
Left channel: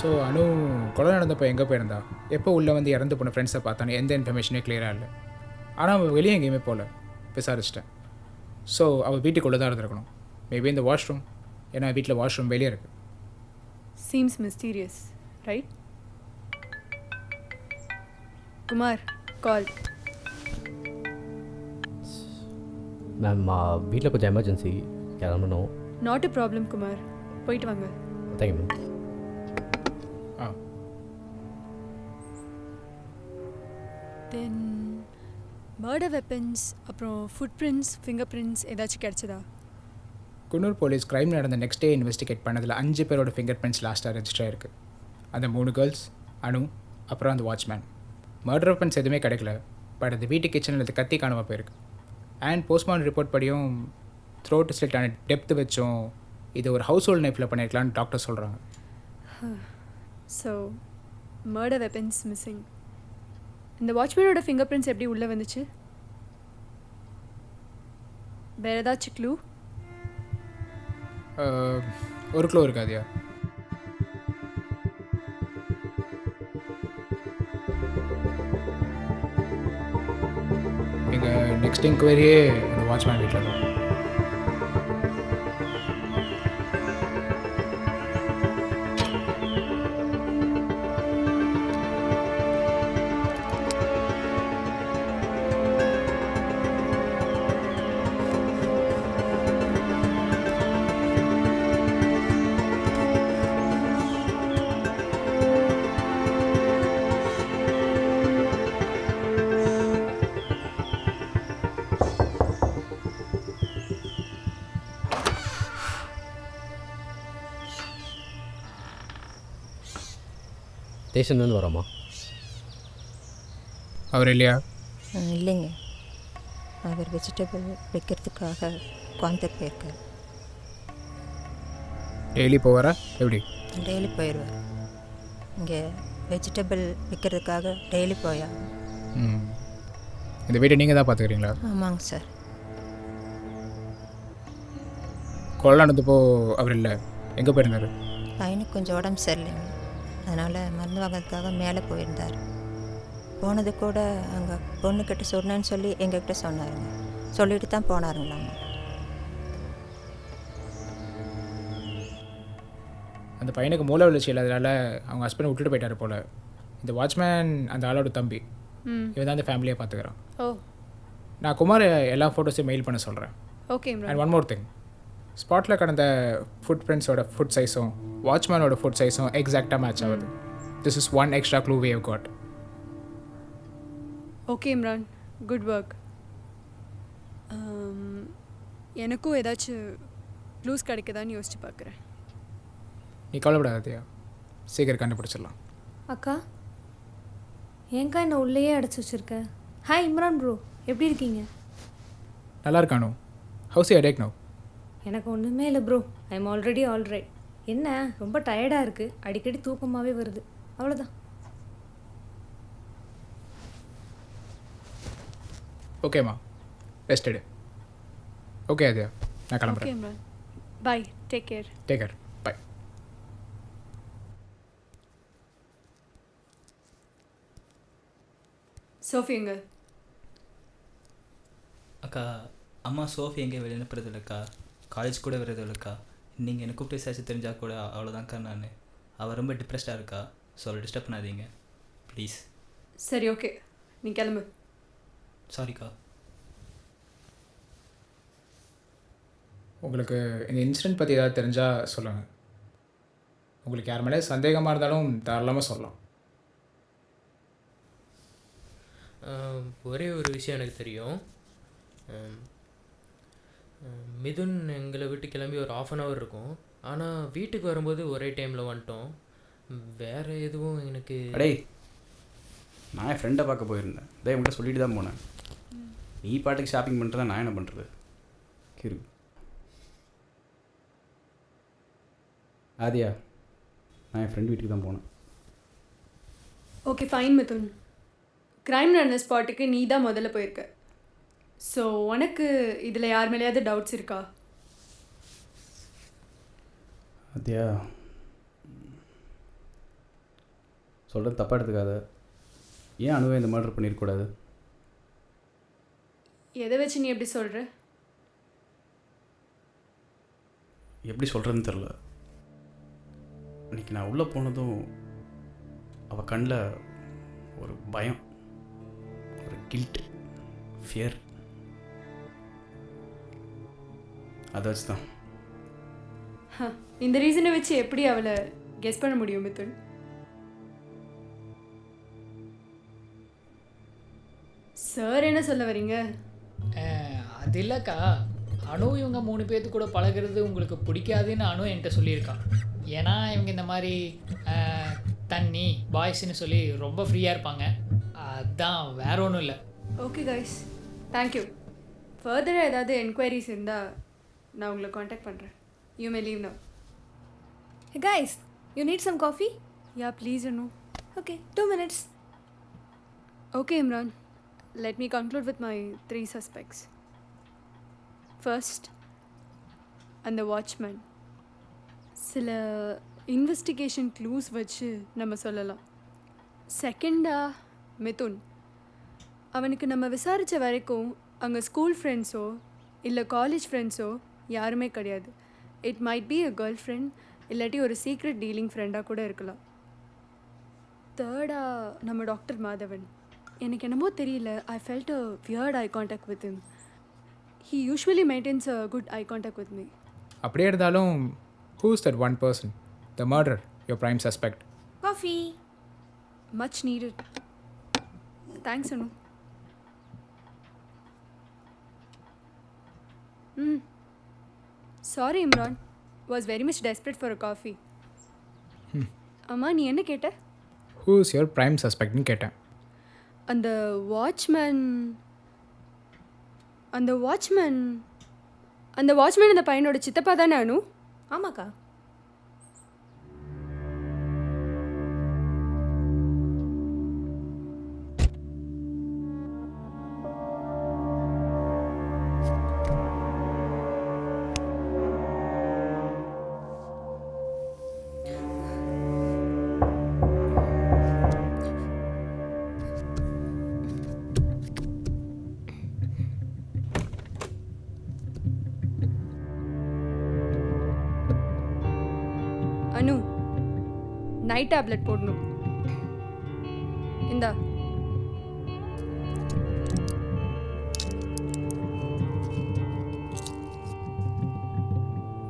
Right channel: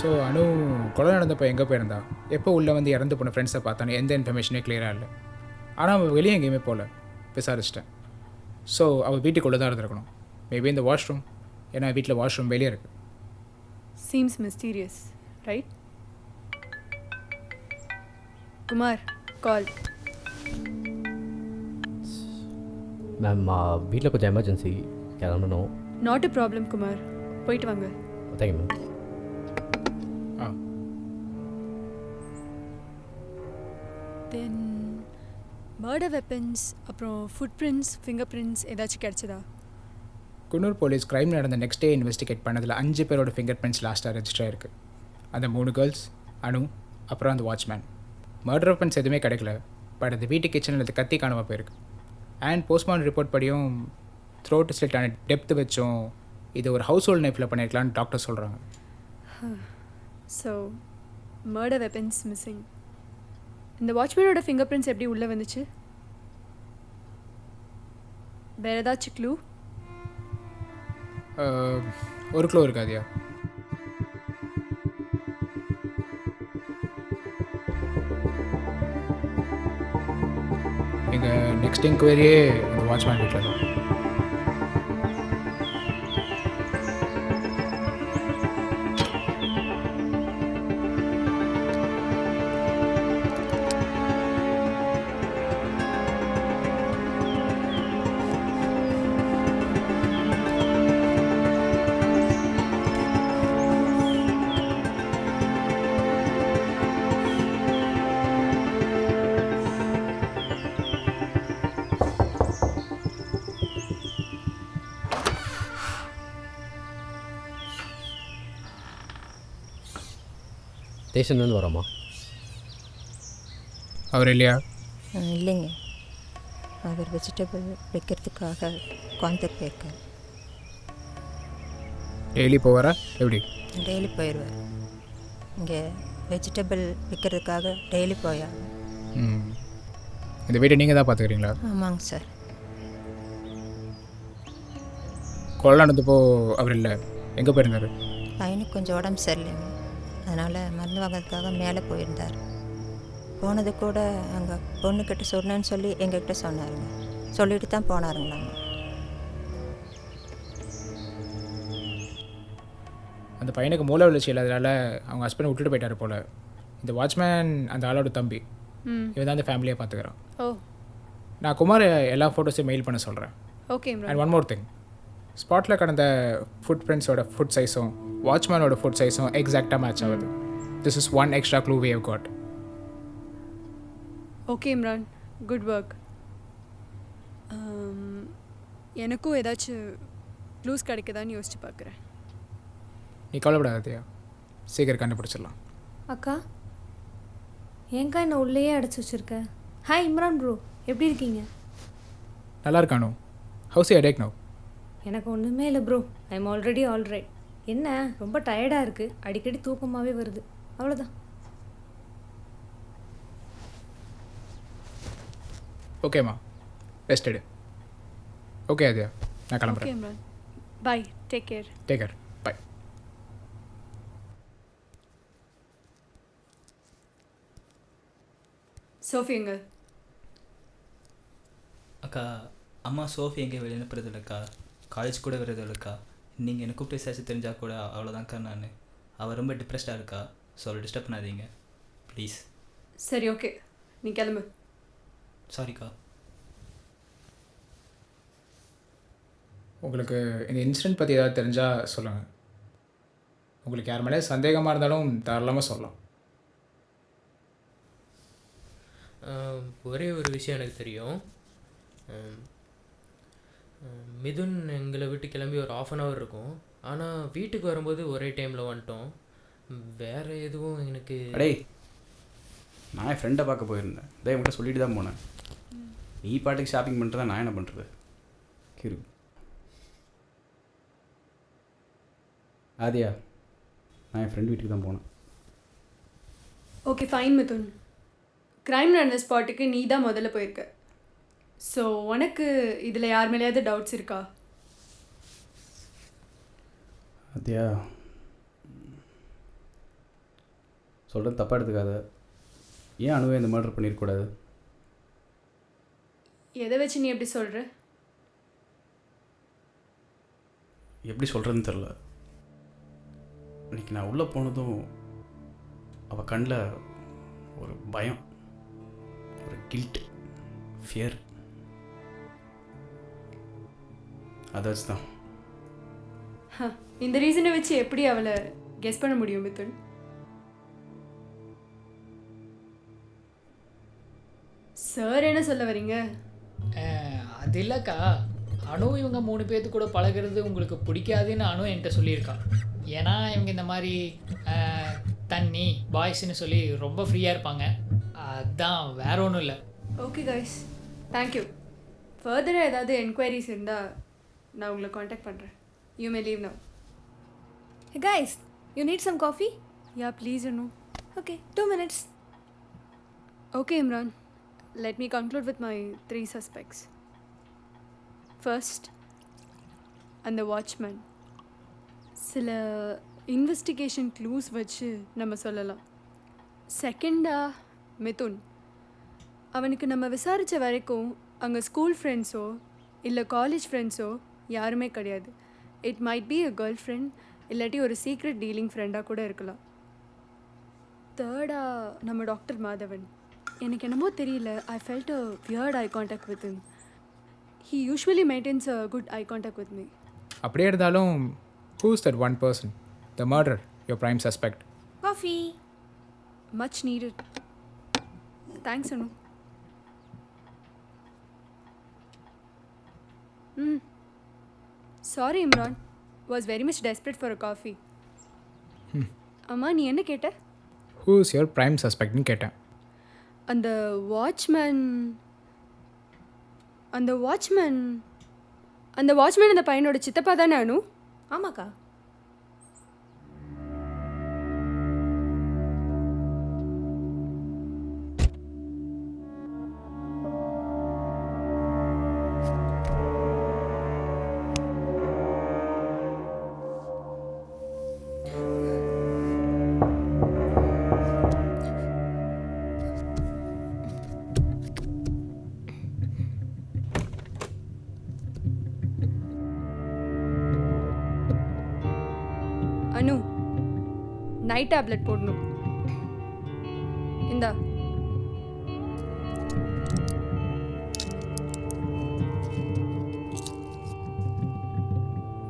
ஸோ அனு கொலை நடந்தப்போ எங்கே போயிருந்தா, எப்போ உள்ளே வந்து இறந்து போன ஃப்ரெண்ட்ஸை பார்த்தானே எந்த இன்ஃபர்மேஷனே கிளியராக இல்லை. ஆனால் அவள் வெளியே எங்கேயுமே போகல, விசாரிச்சிட்டேன். ஸோ அவள் வீட்டுக்குள்ளே தான் இருந்திருக்கணும். மேபி இந்த வாஷ்ரூம், ஏன்னா வீட்டில் வாஷ்ரூம் வெளியே இருக்குது. Seems mysterious, right? குமார், கால். மேம், வீட்டில் கொஞ்சம் எமர்ஜென்சி கிளம்பணும். நாட் எ ப்ராப்ளம் குமார், போயிட்டு வாங்க. Thank you ma'am. Then murder weapons, அப்புறம் ஃபுட் பிரிண்ட்ஸ், ஃபிங்கர் பிரிண்ட்ஸ் ஏதாச்சும் கிடச்சதா? குன்னூர் போலீஸ் க்ரைம் நடந்த நெக்ஸ்ட் டே இன்வெஸ்டிகேட் பண்ணதில் 5 பேரோட ஃபிங்கர் பிரிண்ட்ஸ் லாஸ்ட்டாக ரெஜிஸ்டர் ஆயிருக்கு. அந்த 3 கேர்ள்ஸ், அனு, அப்புறம் அந்த வாட்ச்மேன். மர்டர் வெப்பன்ஸ் எதுவுமே கிடைக்கல. பட் அந்த வீட்டு கிச்சனில் அது கத்தி காணாமல் போயிருக்கு. அண்ட் போஸ்ட்மார்ட்டம் ரிப்போர்ட் படியும் த்ரோட் ஸ்லிட்டான டெப்த் வச்சும் இது ஒரு ஹவுஸ் ஹோல்ட் நைஃப்பில் பண்ணியிருக்கலான்னு டாக்டர் சொல்கிறாங்க. So murder weapons missing. இந்த வாட்ச்மேனோட ஃபிங்கர் பிரிண்ட்ஸ் எப்படி உள்ளே வந்துச்சு? வேறு ஏதாச்சும் க்ளூ? ஒரு க்ளூ இருக்காதியா? எங்கள் நெக்ஸ்ட் என்கொயரியே அந்த வாட்ச்மேன் வீட்டில் தான். ஸ்டேஷன்லேருந்து வரோமா? அவர் இல்லையா? இல்லைங்க, அவர் வெஜிடபிள் வைக்கிறதுக்காக கோயம்புத்தூர் போயிருக்கார். டெய்லி போவாரா எப்படி? டெய்லி போயிடுவார். இங்கே வெஜிடபிள் விற்கிறதுக்காக டெய்லி போயா? இந்த வீட்டை நீங்கள் தான் பார்த்துக்கிறீங்களா? ஆமாங்க சார். கொலை நடந்தப்போ அவர் இல்லை, எங்கே போயிருந்தார்? பையனுக்கு கொஞ்சம் உடம்பு சரியில்லைங்க, அதனால் மருந்து வாங்கிறதுக்காக மேலே போயிருந்தார். போனது கூட அங்கே பொண்ணுக்கிட்ட சொன்னேன்னு சொல்லி எங்ககிட்ட சொன்னாருங்க. சொல்லிட்டு தான் போனாருங்களாம்மா. அந்த பையனுக்கு மூளை வளர்ச்சி இல்லாதனால அவங்க ஹஸ்பண்ட் விட்டுட்டு போயிட்டார் போல். இந்த வாட்ச்மேன் அந்த ஆளோட தம்பி. இவன் தான் அந்த ஃபேமிலியை பார்த்துக்கிறான். ஓ, நான் குமார் எல்லா ஃபோட்டோஸையும் மெயில் பண்ண சொல்கிறேன். Okay. And one more thing, ஸ்பாட்டில் கடந்த ஃபுட் பிரிண்ட்ஸோட ஃபுட் சைஸும் வாட்ச்மேனோட ஃபுட் சைஸும் எக்ஸாக்டாக மேட்ச் ஆகுது. This is one extra clue we have got. Okay Imran, good work. எனக்கும் ஏதாச்சும் க்ளூஸ் கிடைக்குதான்னு யோசிச்சு பார்க்குறேன். நீ கவலைப்படாதயா, சீக்கிரம் கண்டுபிடிச்சிடலாம். அக்கா, ஏங்கா என்ன உள்ளேயே அடைச்சி வச்சுருக்க? ஹாய் இம்ரான் ப்ரோ, எப்படி இருக்கீங்க? நல்லா இருக்கானோ? How's headache no? எனக்கு ஒன்றுமே இல்லை bro, I am already alright. என்ன ரொம்ப டயர்டாக இருக்குது, அடிக்கடி தூக்கமாகவே வருது, அவ்வளோதான். ஓகேம்மா, ரெஸ்ட் எடு. ஓகே அதயா, நான் கிளம்புறேன். ஓகே இம்ரான், பாய், டேக் கேர். டேக் கேர், பாய். சோஃபி எங்க? அக்கா, அம்மா சோஃபி எங்கே வெளியே அனுப்புறது இல்லைக்கா, காலேஜ் கூட வர்றது இல்லைக்கா. நீங்கள் எனக்கு கூப்பிட்டு விசாரிச்சு தெரிஞ்சால் கூட அவ்வளோதான்க்கா. நான் அவள் ரொம்ப டிப்ரெஸ்டாக இருக்கா, ஸோ அவளை டிஸ்டர்ப் பண்ணாதீங்க ப்ளீஸ். சரி, ஓகே, நீ கிளம்பு. சாரிக்கா. உங்களுக்கு இந்த இன்சிடெண்ட் பற்றி ஏதாவது தெரிஞ்சால் சொல்லுங்கள். உங்களுக்கு யார் மேலே சந்தேகமாக இருந்தாலும் தாராளமாக சொல்லலாம். ஒரே ஒரு விஷயம் எனக்கு தெரியும். மிதுன் எங்களை விட்டு கிளம்பி ஒரு 1/2 hour இருக்கும். ஆனால் வீட்டுக்கு வரும்போது ஒரே டைமில் வந்துட்டோம். வேறு எதுவும் எனக்கு... அடே, நான் என் ஃப்ரெண்டை பார்க்க போயிருந்தேன், இதே என்கிட்ட சொல்லிட்டு தான் போனேன். நீ பாட்டுக்கு ஷாப்பிங் பண்ணிட்டு தான் நான் என்ன பண்ணுறது? கிரு ஆதியா, நான் என் ஃப்ரெண்ட் வீட்டுக்கு தான் போனேன். ஓகே ஃபைன் மிதுன், க்ரைம் நடந்த ஸ்பாட்டுக்கு நீ தான் முதல்ல போயிருக்க. ஸோ உனக்கு இதில் யார் மேலேயாவது டவுட்ஸ் இருக்கா? ஆதியா, சொல்கிறது தப்பாக எடுத்துக்காத. ஏன் அணுவை இந்த மர்டர் பண்ணியிருக்கூடாது? எதை வச்சு நீ எப்படி சொல்கிற? எப்படி சொல்கிறதுன்னு தெரில. இன்றைக்கி நான் உள்ளே போனதும் அவள் கண்ணில் ஒரு பயம், ஒரு கில்ட், ஃபியர், அதை வச்சு தான். இந்த ரீசனை வச்சு எப்படி அவளை கெஸ் பண்ண முடியும் மிதுன்? சார் என்ன சொல்ல வரீங்க? அது இல்லைக்கா, அனு இவங்க 3 பேர்த்து கூட பழகிறது உங்களுக்கு பிடிக்காதுன்னு அனு என்கிட்ட சொல்லியிருக்கான். ஏன்னா இவங்க இந்த மாதிரி தண்ணி பாய்ஸ்ன்னு சொல்லி ரொம்ப ஃப்ரீயாக இருப்பாங்க. அதான் வேற ஒன்றும் இல்லை. Okay guys, thank you. ஃபர்தராக ஏதாவது என்கொயரிஸ் இருந்தால் நான் உங்களை காண்டாக்ட் பண்ணுறேன். You may leave now. Hey guys, you need some coffee? Yeah, please, Anu. Okay, 2 minutes. Okay, Imran. Let me conclude with my 3 suspects. First, and the watchman. சில investigation clues வச்சு நம்ம சொல்லலாம். செகண்டா மிதுன். அவனுக்கு நம்ம விசாரித்த வரைக்கும் அங்கே ஸ்கூல் ஃப்ரெண்ட்ஸோ இல்லை காலேஜ் ஃப்ரெண்ட்ஸோ யாருமே கிடையாது. It might be a girl friend, இல்லாட்டி ஒரு சீக்ரெட் டீலிங் ஃப்ரெண்டாக கூட இருக்கலாம். தேர்டா நம்ம டாக்டர் மாதவன். எனக்கு என்னமோ தெரியல, I felt a weird eye contact with him. He usually maintenance a good eye contact with me. அப்படியே இருந்தாலும் whose that one person, the murder, your prime suspect? Coffee. Much needed. Thanks, Anu. Sorry, Imran. Was very much desperate for a coffee. அம்மா நீ என்ன கேட்ட? Whose your prime சஸ்பெக்ட்னு கேட்டேன். அந்த watchman அந்த watchman அந்த பையனோட சித்தப்பா தானே அனு? ஆமாக்கா. அனு, நைட் டேப்லெட் போடணும். இந்தா.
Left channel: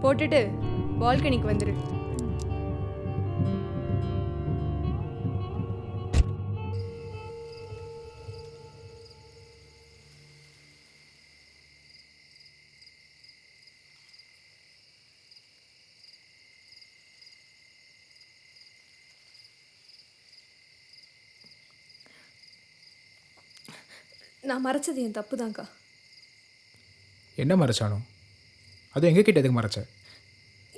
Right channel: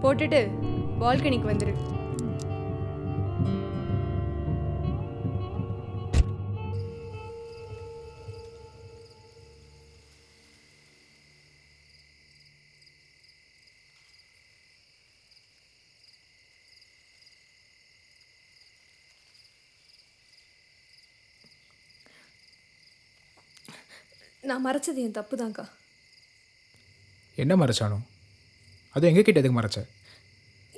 போட்டுட்டு பால்கனிக்கு வந்துரு. நான் மறைச்சது என் தப்பு தான்க்கா. என்ன மறைச்சானோ? அது எங்கள் கிட்ட எதுக்கு மறைச்ச?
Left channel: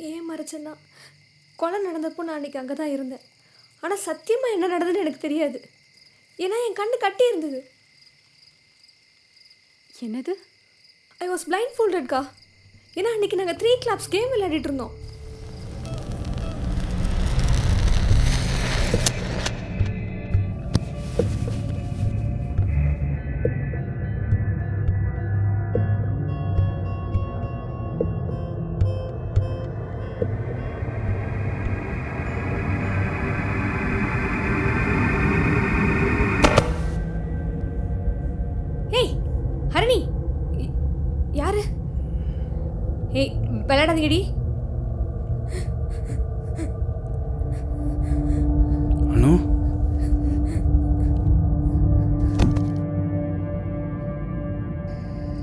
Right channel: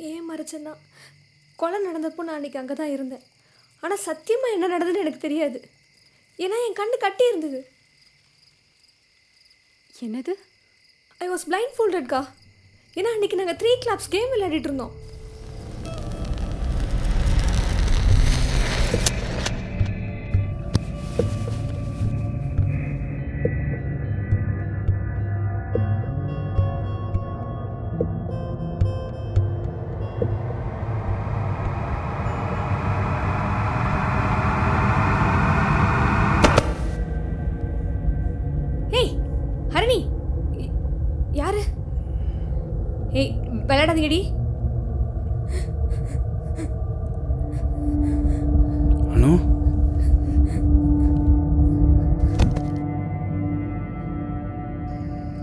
ஏன் மறைச்சேன்னா, கொலை நடந்தப்போ நான் அன்றைக்கி அங்கே தான் இருந்தேன். ஆனால் சத்தியமாக என்ன நடந்ததுன்னு எனக்கு தெரியாது. ஏன்னா என் கண்ணு கட்டி இருந்தது. என்னது? ஐ வாஸ் பிளைண்ட் ஃபோல்டட்க்கா. ஏன்னா அன்றைக்கி நாங்கள் 3 கிளப்ஸ் கேம் விளையாடிட்டு இருந்தோம். ஹரணி, யாரு? ஏய், விளையாடாதீங்கடி. அனு,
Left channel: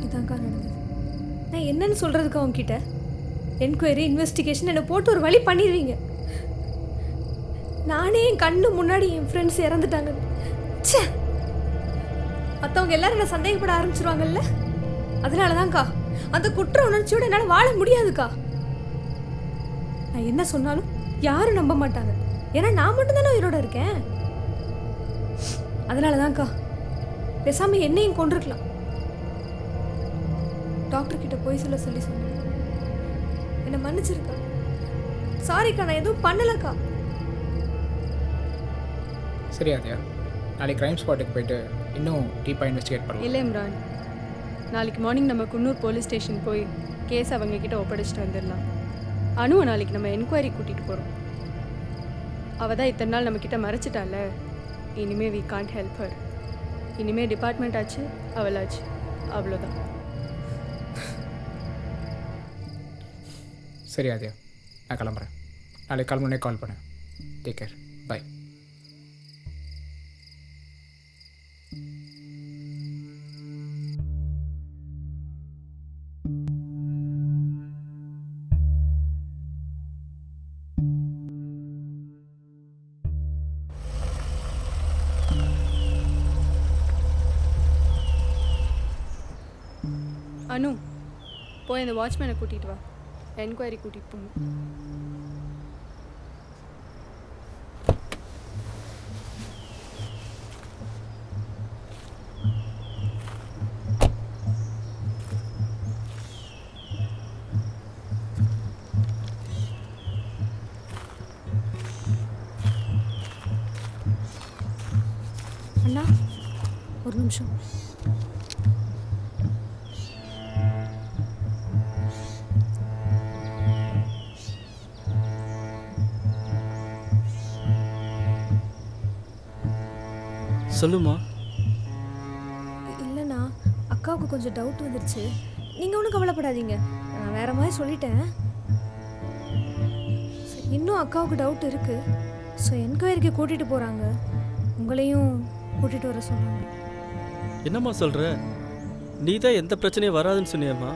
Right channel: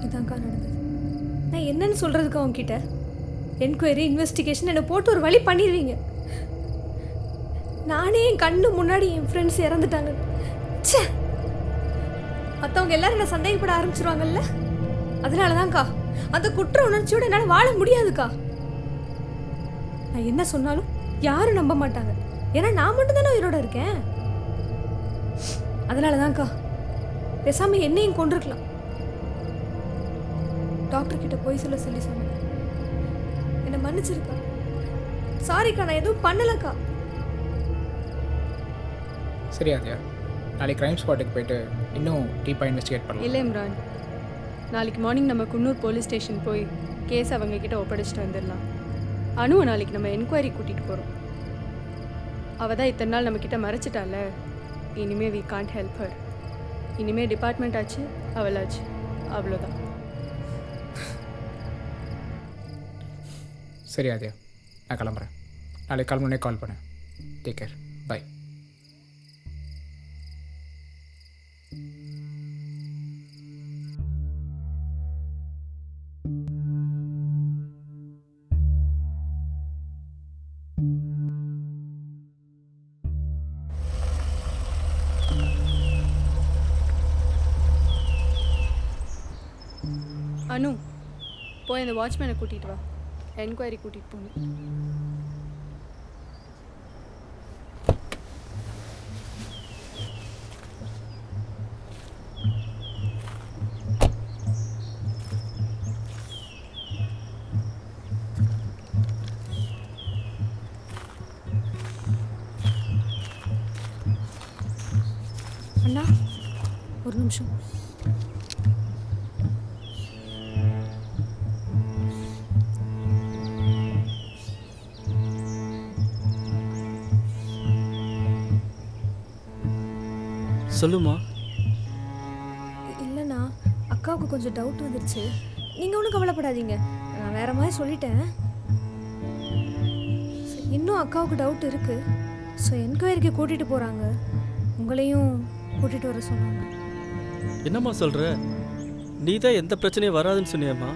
இதான்க்கா நடந்தது. நான் என்னன்னு சொல்கிறதுக்கு அவங்ககிட்ட? என்கொயரி, இன்வெஸ்டிகேஷன் என்னை போட்டு ஒரு வழி பண்ணிடுவீங்க. நானே என் கண்ணு முன்னாடி என் ஃப்ரெண்ட்ஸ் இறந்துட்டாங்க. ச்சே, மற்றவங்க எல்லாரும் என்ன சந்தேகப்பட ஆரம்பிச்சிருவாங்கல்ல. அதனால தான்க்கா அந்த குற்ற உணர்ச்சியோடு என்னால் வாழ முடியாதுக்கா. நான் என்ன சொன்னாலும் யாரும் நம்ப மாட்டாங்க. ஏன்னா நான் மட்டும்தானே உயிரோட இருக்கேன். அதனால தான்க்கா பேசாமல் என்னையும் கொண்டிருக்கலாம். டாக்டர்கிட்ட போய் சொல்ல சொன்னேன். என்னை மன்னிச்சிருக்கா. சாரிக்கா, நான் எதுவும் பண்ணலக்கா. சரி ஆதியா, நாளைக்கு க்ரைம் ஸ்பாட்டுக்கு போயிட்டு இன்னும் டீப்பாக இன்வெஸ்டிகேட் பண்ணலாம். இல்லை இம்ரான், நாளைக்கு மார்னிங் நம்ம குன்னூர் போலீஸ் ஸ்டேஷன் போய் கேஸ் அவங்கக்கிட்ட ஒப்படைச்சிட்டு வந்துடலாம். அனுவை நாளைக்கு நம்ம என்கொயரி கூட்டிகிட்டு போகிறோம். அவள் தான் இத்தனை நாள் நம்மக்கிட்ட மறைச்சிட்டால. இனிமேல் வி கான்ட் ஹெல்ப் ஹர். இனிமேல் டிபார்ட்மெண்ட் ஆச்சு, அவளாச்சு, அவ்வளோதான். சரி ஆதியா, நான் கிளம்புறேன். நாளைக்கு கிளம்புனே கால் பண்ணேன். Take care, by. அனு போய் அந்த வாட்ச்மேனை கூட்டிகிட்டு வா என்கொயரி கூட்டிகிட்டு போகணும். அண்ணா ஒரு நிமிஷம். சொல்லுமா. இல்லைண்ணா அக்காவுக்கு கொஞ்சம் டவுட் வந்துருச்சு. நீங்கள் ஒன்றும் கவலைப்படாதீங்க, நான் வேற மாதிரி சொல்லிட்டேன். இன்னும் அக்காவுக்கு டவுட் இருக்குது. ஸோ என்கொயரிக்கு கூட்டிகிட்டு போகிறாங்க, உங்களையும் கூட்டிகிட்டு வர சொன்னாங்க. என்னம்மா சொல்கிற? நீ தான் எந்த பிரச்சனையும் வராதுன்னு சொன்னியம்மா.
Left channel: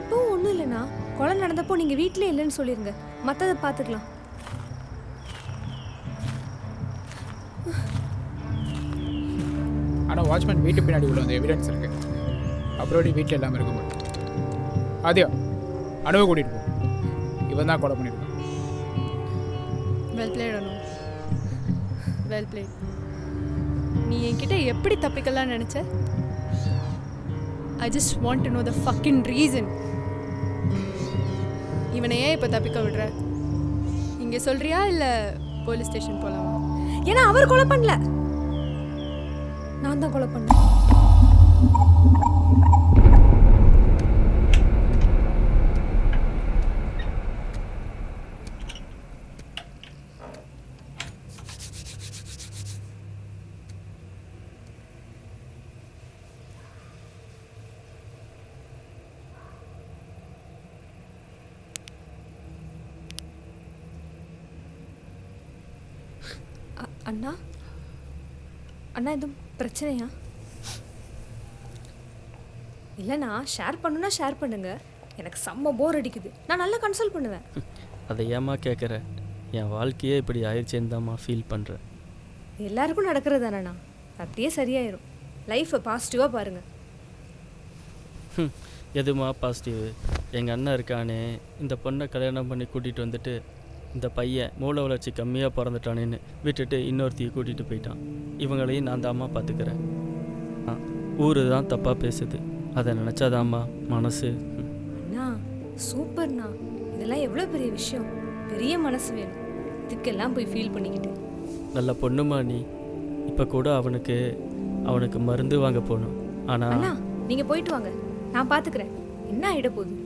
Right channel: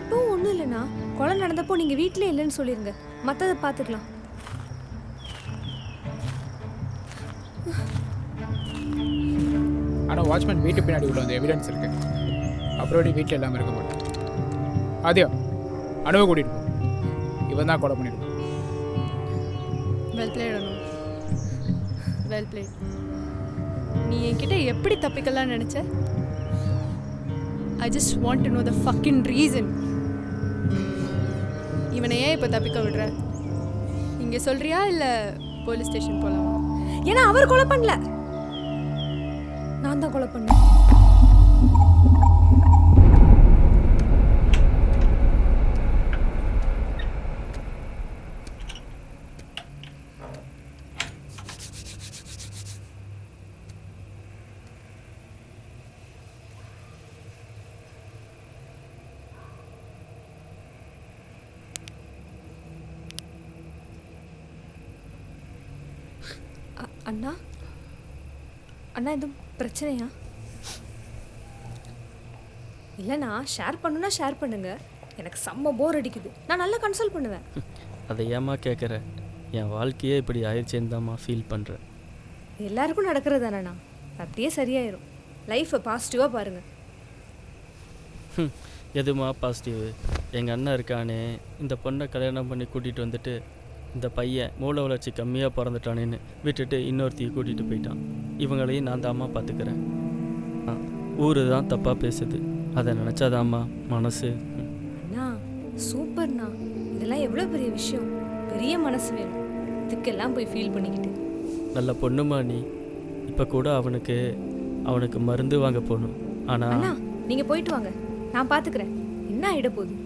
இப்போவும் ஒன்றும் இல்லைண்ணா, கொலை நடந்தப்போ நீங்கள் வீட்டிலே இல்லைன்னு சொல்லிடுங்க, மற்றதை பார்த்துக்கலாம். ஆனால் வாட்ச்மேன் வீட்டு பின்னாடி உள்ள அந்த எவிடன்ஸ் இருக்குது. அப்புறம் வீட்டில் இல்லாமல் இருக்க முடியும். ஆதியா அனுவை கூட்டிகிட்டு போ. இவன் தான் கொலை பண்ணியிருக்கான். வெல் பிளேட் அனு, வெல் பிளேட். நீ என்கிட்ட எப்படி தப்பிக்கலாம் நினச்ச? I just want to know the fucking reason. இவனை ஏன் இப்போ தப்பிக்க விடுற? இங்கே சொல்கிறியா இல்லை போலீஸ் ஸ்டேஷன் போகலாமா? ஏன்னா அவர் கொலை பண்ணல, நான் தான் கொலை பண்ணேன். அண்ணா அண்ணா எதுவும் பிரச்சனையா? இல்லைண்ணா, ஷேர் பண்ணுன்னா ஷேர் பண்ணுங்க. எனக்கு செம்ம போர் அடிக்குது, நான் நல்லா கன்சல்ட் பண்ணுவேன். அதை ஏமா கேட்குற? என் வாழ்க்கையே இப்படி ஆயிடுச்சேன்னு தான்மா ஃபீல் பண்ணுறேன். எல்லாருக்கும் நடக்கிறது தானேண்ணா, அப்படியே சரியாயிரும். லைஃப்பை பாசிட்டிவாக பாருங்கள். எதுமா பாசிட்டிவ்? எங்கள் அண்ணன் இருக்கானே, இந்த பொண்ணை கல்யாணம் பண்ணி கூட்டிகிட்டு வந்துட்டு இந்த பையன் மூளை வளர்ச்சி கம்மியாக பிறந்துட்டானேன்னு விட்டுட்டு இன்னொருத்தையும் கூட்டிகிட்டு போயிட்டான். இவங்களையும் நான் தாம்மா பார்த்துக்கிறேன். ஊர் தான் தப்பாக பேசுது, அதை நினச்சாதாம்மா மனசு. அண்ணா சூப்பர்ண்ணா, இதெல்லாம் எவ்வளோ பெரிய விஷயம். பெரிய மனசு வேணும், இதுக்கெல்லாம் போய் ஃபீல் பண்ணிக்கிட்டு. நல்ல பொண்ணுமா நீ. இப்போ கூட அவனுக்கு மருந்து வாங்க போகணும். ஆனால் அண்ணா நீங்கள் போயிட்டு வாங்க, நான் பார்த்துக்கிறேன். என்ன ஆகிட போகுது?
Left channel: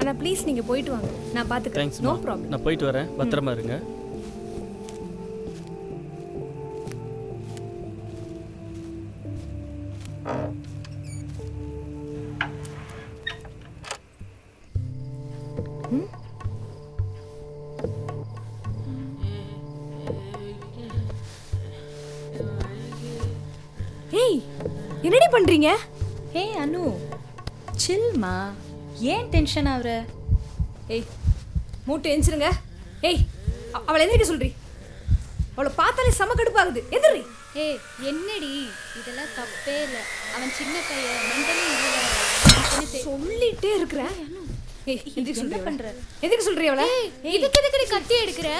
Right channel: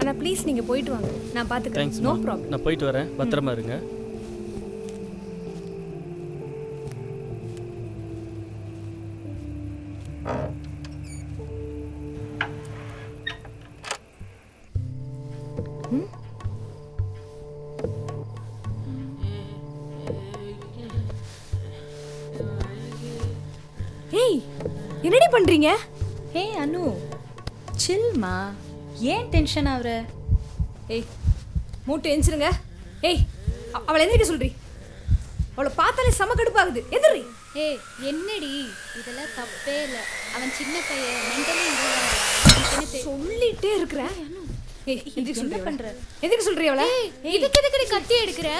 அண்ணா ப்ளீஸ் நீங்கள் போயிட்டு வாங்க, நான் பார்த்துக்கிறேன். தேங்க்ஸ். No problem. நான் போயிட்டு வரேன், பத்திரமா இருங்க. ஏய் என்னடி பண்ணுறீங்க? ஏய் அனு சில்மா, ஏன் டென்ஷன் ஆகுற? ஏய் மூட்டை எஞ்சிருங்க. ஏய் அவளை எந்திரிக்க சொல்றீ? அவளை பார்த்தாலே செம கடுப்பாகுது, எந்திரி. ஏய் என்னடி, இதெல்லாம் தப்பே இல்லை. அவன் சின்ன பையன், மென்டலி சொல்லிட்டே இருக்கிறேன். ஏய் எந்திரிக்க சொல்றீ? பண்ற? எந்திரிக்க சொல்றீ அவளை? இதுக்கு எதுக்கு கத்தி எடுக்கிற?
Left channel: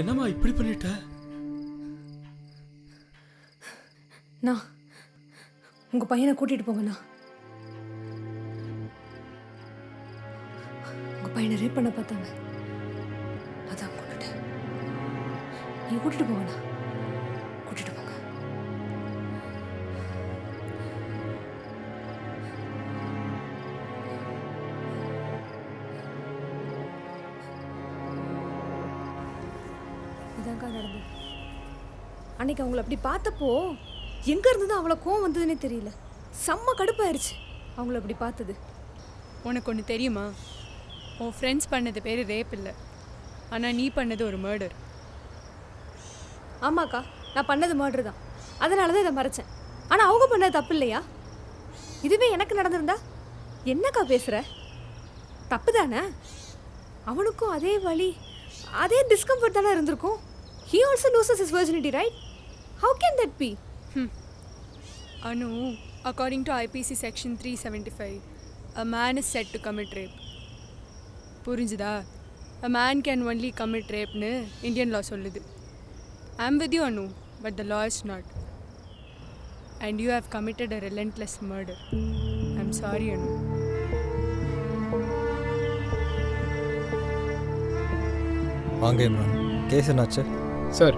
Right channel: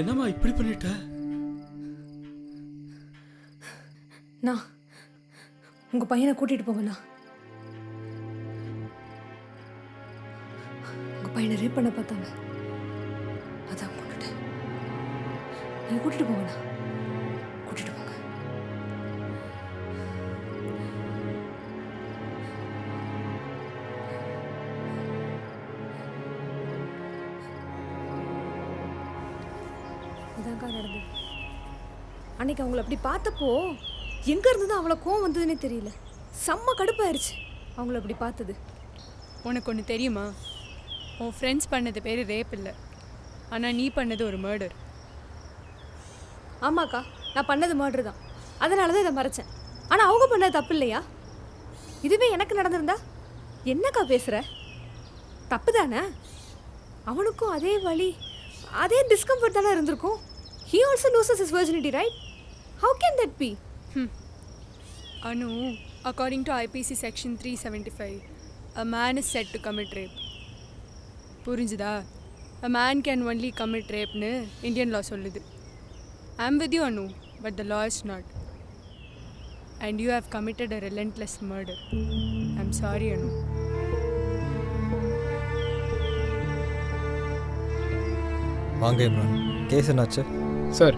என்னம்மா இப்படி பண்ணிட்ட? நான் உங்கள் பையனை கூட்டிகிட்டு போங்கண்ணா. உங்கள் பையனை ரேப் பண்ண பார்த்தாங்க, அதான் கொண்டுட்டேன். நீங்கள் கூட்டிகிட்டு போங்கண்ணா, கூட்டிகிட்டு போங்க. இதாங்க்கா நடந்தது. அன்னைக்கு அவங்கள அப்படி பார்த்தப்போ எங்கே இருந்து தான் அவ்வளோ கோவம் வந்ததுன்னே தெரியல. செம்ம கடுப்பாயிருச்சு அவங்கள அப்படி பார்த்தது. உனக்கு ஒன்று தெரியுமா? உன் ஃப்ரெண்ட்ஸ் பண்ணது பேர் ரேப் இல்லை, ஆனால் நீ பண்ணது ஒரு மர்டர். ஆமாக்கா, நான் பண்ணது மர்டர் தான், அதனால தான் இதை மறைச்சேன். ஆனால் அவங்க பண்ணது தப்பு இல்லையா? இதுவே எனக்கு நடந்திருந்தா என்னக்கா பேசுகிற? தப்பு தானே? அவனுக்கும் அதே வலி, அதே டிஸ்கம்ஃபர்ட் தானே இருந்திருக்கும். He also loses his virginity, right? How can that be? Anu, according to IPC section 375, a man is said to commit rape. புரிஞ்சுதா? A man can only commit rape னு இந்தியன் law சொல்லுது. I'm with you, Anu, but the law is not. And you have committed a relentless murder. I'm sorry, Anu. வாங்க Imran, case என்னாச்சு? Sir,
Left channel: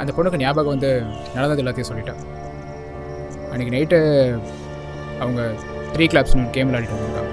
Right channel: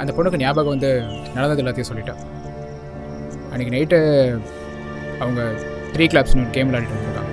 அந்த பொண்ணுக்கு ஞாபகம் வந்து நடந்தது எல்லாத்தையும் சொல்லிட்டேன். அன்றைக்கி நைட்டு அவங்க 3 கிளப்ஸ்னு ஒரு கேம் விளையாடிட்டு வந்திருக்காங்க.